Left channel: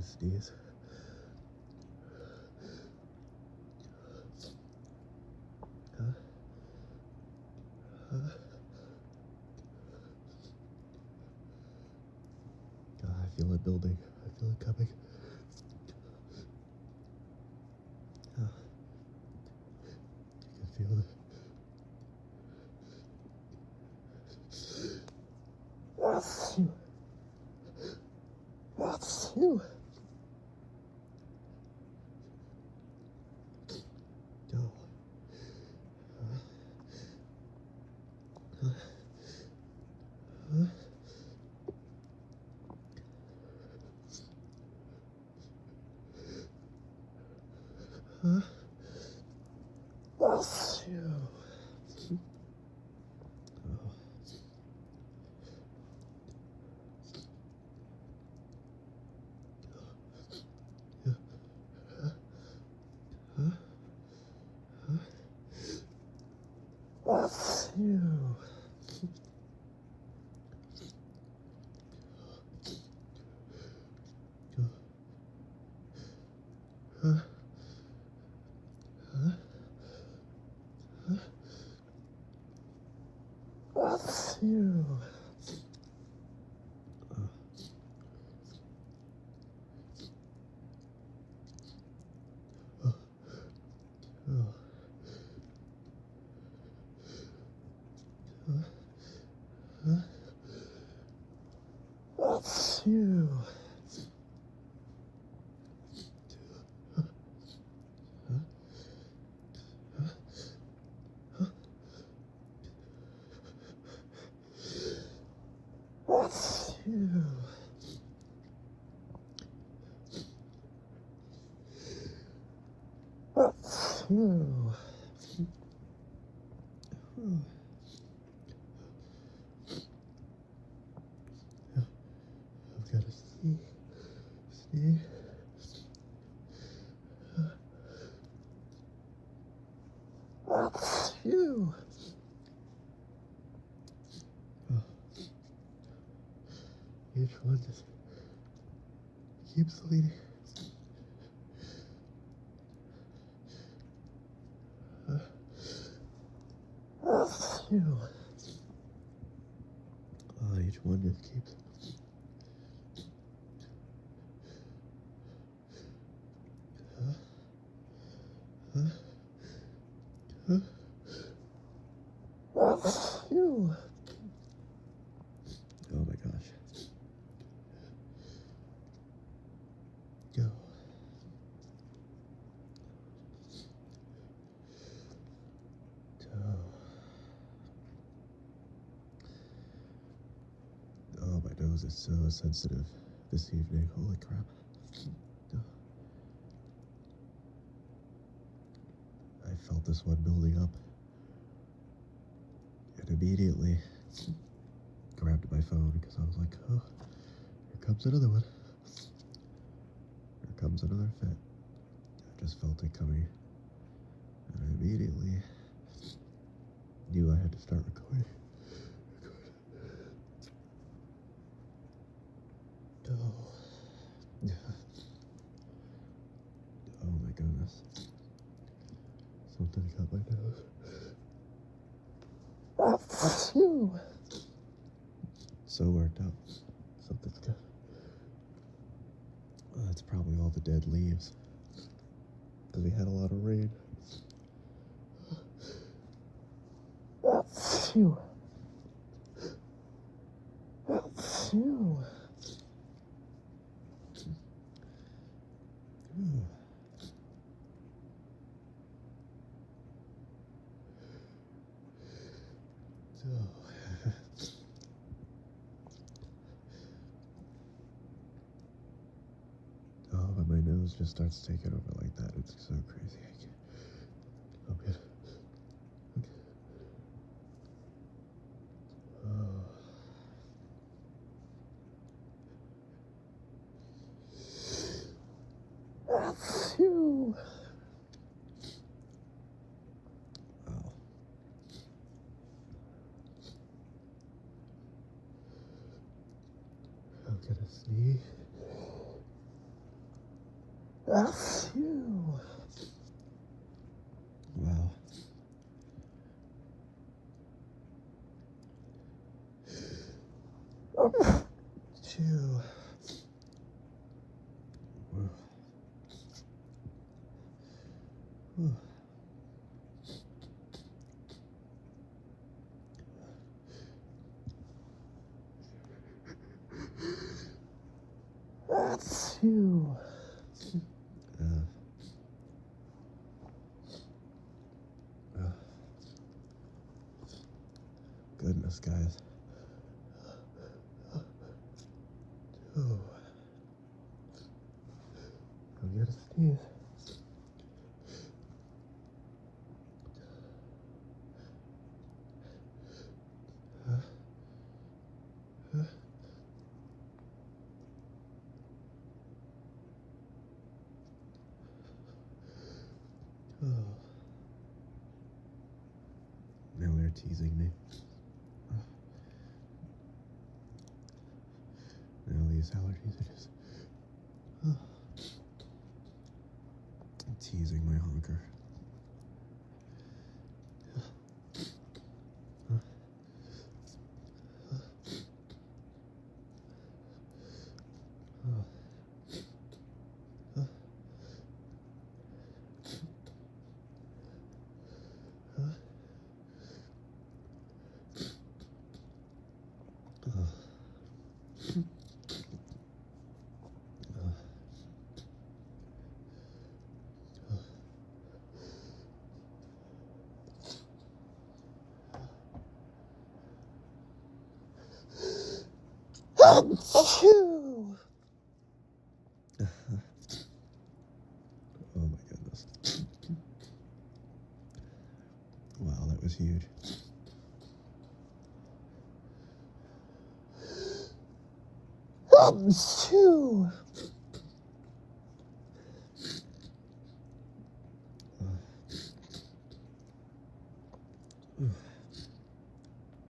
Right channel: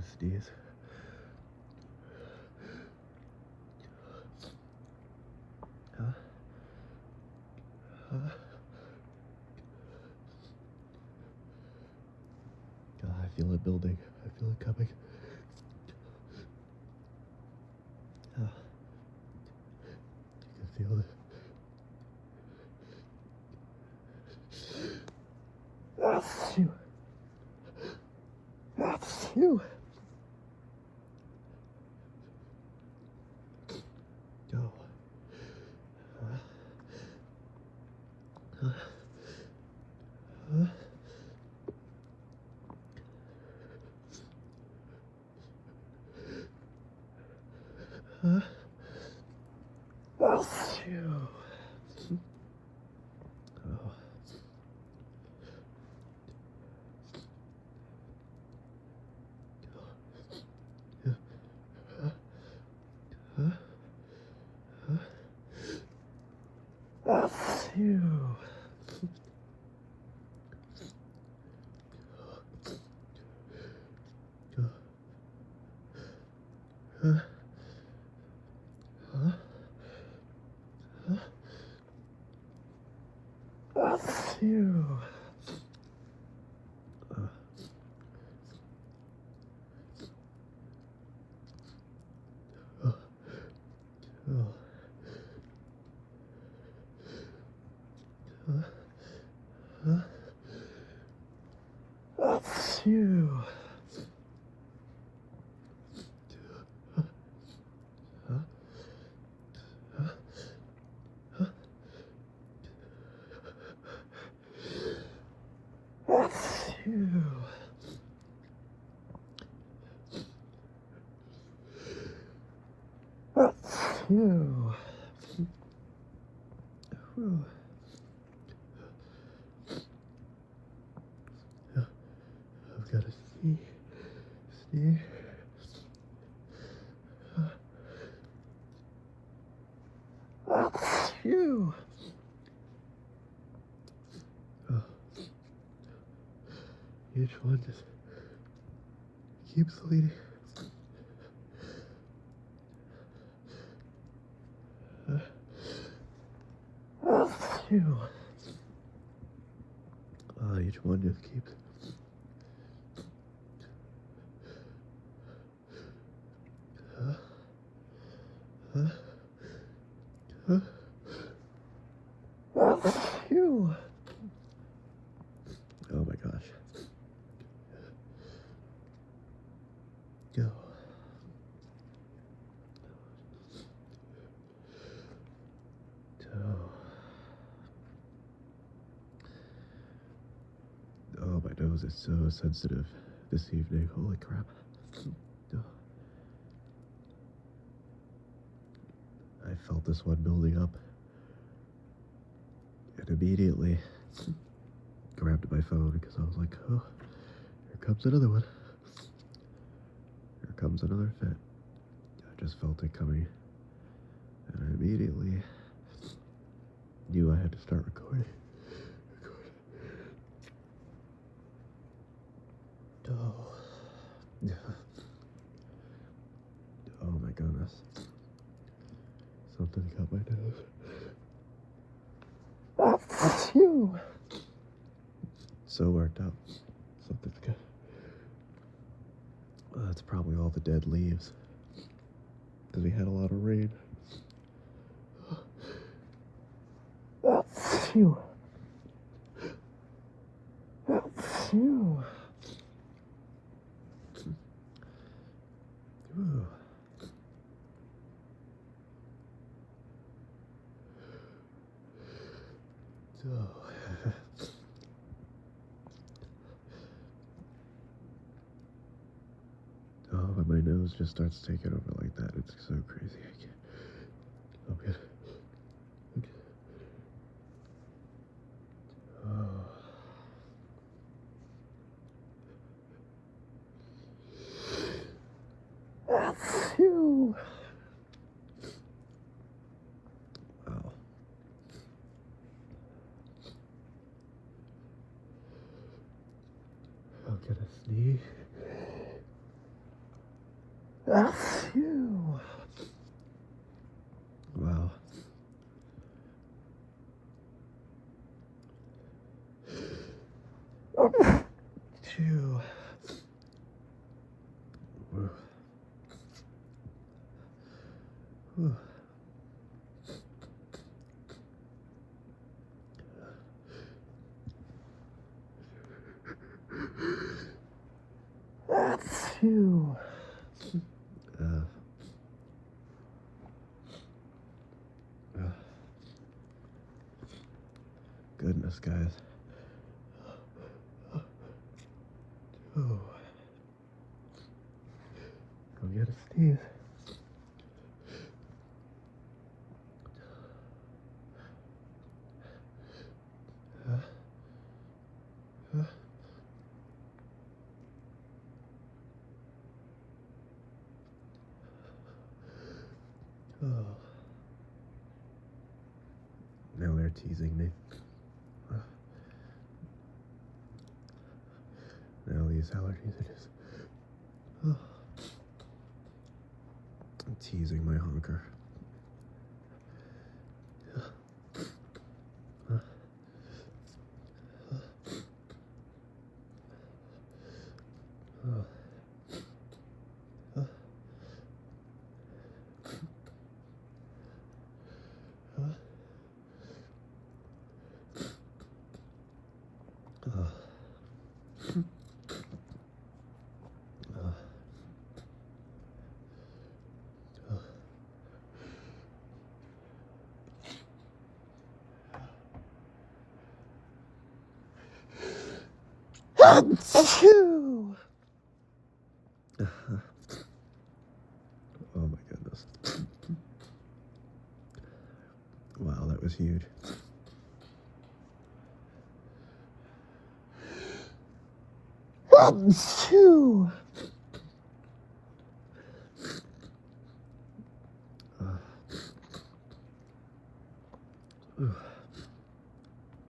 gonna sneeze. Huh? Huh? God, I feel it building. I feel it coming. Oh, I can feel it. That's you. That's you. Go. Huh? Huh? Huh? Huh? That's you. Oh. Huh? Huh? Huh? That's you. Go. Huh? Huh? Huh? That's you. Uh, oh. Oh. Huh? Huh? That's you. Huh? Huh? Huh? Huh? That's you. That's you. Whew. I've got to see. That's you. Oh, each one just keeps leading. That's you. Each one just keeps. Huh? Huh? Huh? That's you. Oh my gosh. Go. Oh, my nose is so sensitive this evening. Holy crap. I felt this one building up and immediately grabbed my phone because I was like, oh, here comes another one. Here comes another fit. I just felt it coming and I immediately knew I had to start recording. Oh. Oh my goodness. Something got my nose. That's you. So worked up. Something's got. That's probably all the dead leaves. Because we had a lot of rain. That's you. That's you. Ooh. Oh. Oh, when my nose just starts taking over like that, it's so crazy. I can't. Okay. Okay. Oh. That's you. Oh. I'm gonna sneeze. Phew. Wow. Phew. Whew. Whew. Phew. Uh, Goodness, guys. Ooh. Go get a sneeze. Oh. Now they're teasing me. Now these allergies are just teasing my honker. Achoo! Oh my goodness. Wow, that was huge. Achoo! Ooh.